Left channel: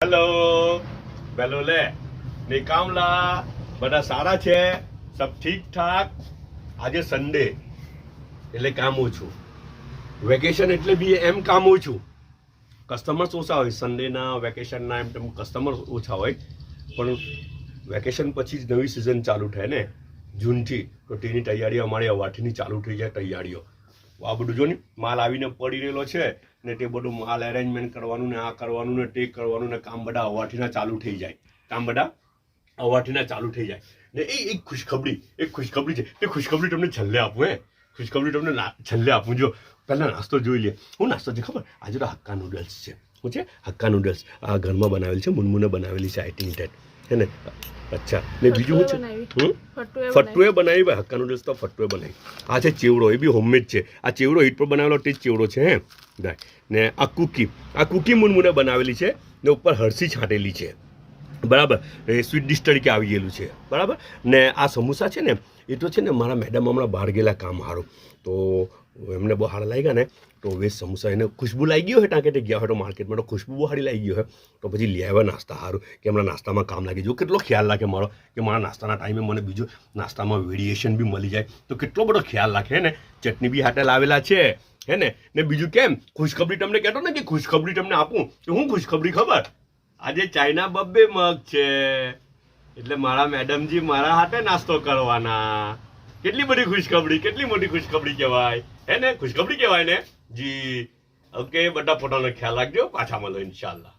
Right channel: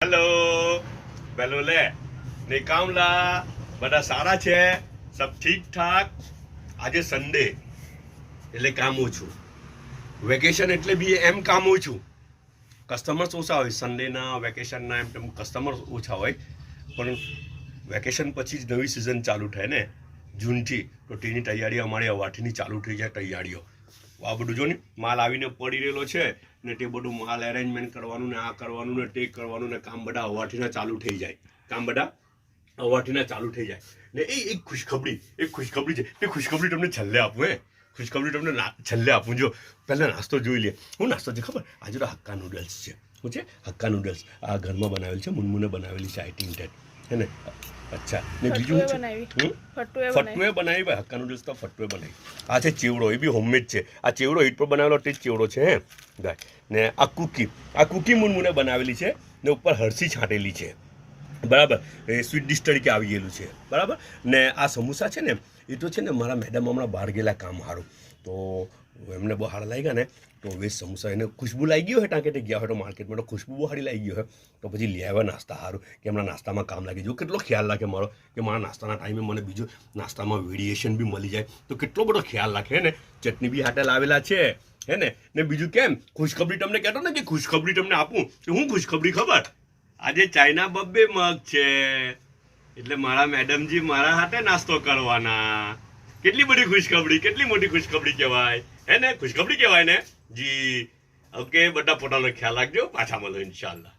hello bellow લે નિકામલા બધા સારા છે સબ ઠીક ઠાક આજે સન્ડે એટલે કામ ઓછું વેકેશન એટલે બી એમ કામ ઓછું કસ્ટમર્સ ઓછા હોય સન્ડેના વેકેશનના એમ તેમ કસ્ટમર ઓછા હોય પણ વેકેશન પછી જ નવી સિઝન ચાલુ થાય ને જૂનથી તો તેની તૈયારીઓ અમારી અવાઠીની ચાલુ થઈ જાય તૈયારીઓ આ બધું જો ને માલ આવીને પડી રહેલો છે ને તે બધું માલ એરેન્જમેન્ટ કરવાનું ને આ કરવાનું ને તે કરવાનું ને કામ બધા અવાઠીના ચાલુ થઈ જાય કામ બધા અવાઠીના ચાલુ થઈ જાય ને એક ખુશખબરી છે તે ખુશખબરી તમને છેલ્લે આપું ખુશખબરી તમને છેલ્લે આપું જો પહેલાં નાસ્તો જોઈ લે હું નાસ્તો છે ખબર આજે તો હક્કા નૂડલ્સ છે શું છે હક્કા નૂડલ્સ આ ઘરમાં બનાવેલ છે મુનમુને બનાવેલી છે આઈટિંગ ટેટ હે ને અચ્છા ને બીજું શું છે ફટ્ટુએ બનાવી ભાઈ હક્કા નૂડલ્સ તો ફટ્ટુએ બનાવી આ છે ચેવડો એ બી હોમમેડ છે આ ચેવડો હીટ પર બનાવેલો તે જ ચેવડો છે હે ગાય ને આ કૂકી મુનમુને બનાવેલી છે ને ઉપર હરસી છાંટેલી છે બરાબર એ સ્વીટ ડિશ તરીકે આવી ગયેલું છે બરાબર ને આ સમોસા છે ને એ તો છે ને મારા મેડમ હમણાં બહાર ગયેલા કામ સારું તો એમને બહુ સારા લાગ્યા ને તો વેજ સમોસા એને ખુશ્બુ લાગી ગયો હોય ટાંકે તે ગયા હોય તો માર્કેટમાં તો ખુશ્બુ બહુ સારી લાગી ગયો હોય તો પછી લઈ આવ્યા નાસ્તા સારું કે હમણાં નાસ્તામાં કામ લાગી જો કેટલો ખ્યાલ રાખે મારો કે મારા નાસ્તાના ટાઈમે મને બીજું નાસ્તામાં વેરિએશન બી મળી જાય તો કેટલો બધો ખ્યાલ રાખે ને ચટણી બી હાટે લાવેલા છે હે ને બીજું કેમ ખુશખબરી તમને કહેતો ને કે ખુશખબરી તમને આપું તો હું ખુશખબરી ખબર આજે ચાઇના બબ્બે મગ છે એટલે મારા મેડમજી મારા હાથે નાસ્તો કરવાના કેટલી બધી ખુશખબરી કેટલી મોટી ખુશખબરી કહેવાય હે ને ખુશખબરી કહેવાય ને જી ઓકે બધા પોતાનો ખ્યાલ રાખજો પાછા મળો ઇન્શાલ્લાહ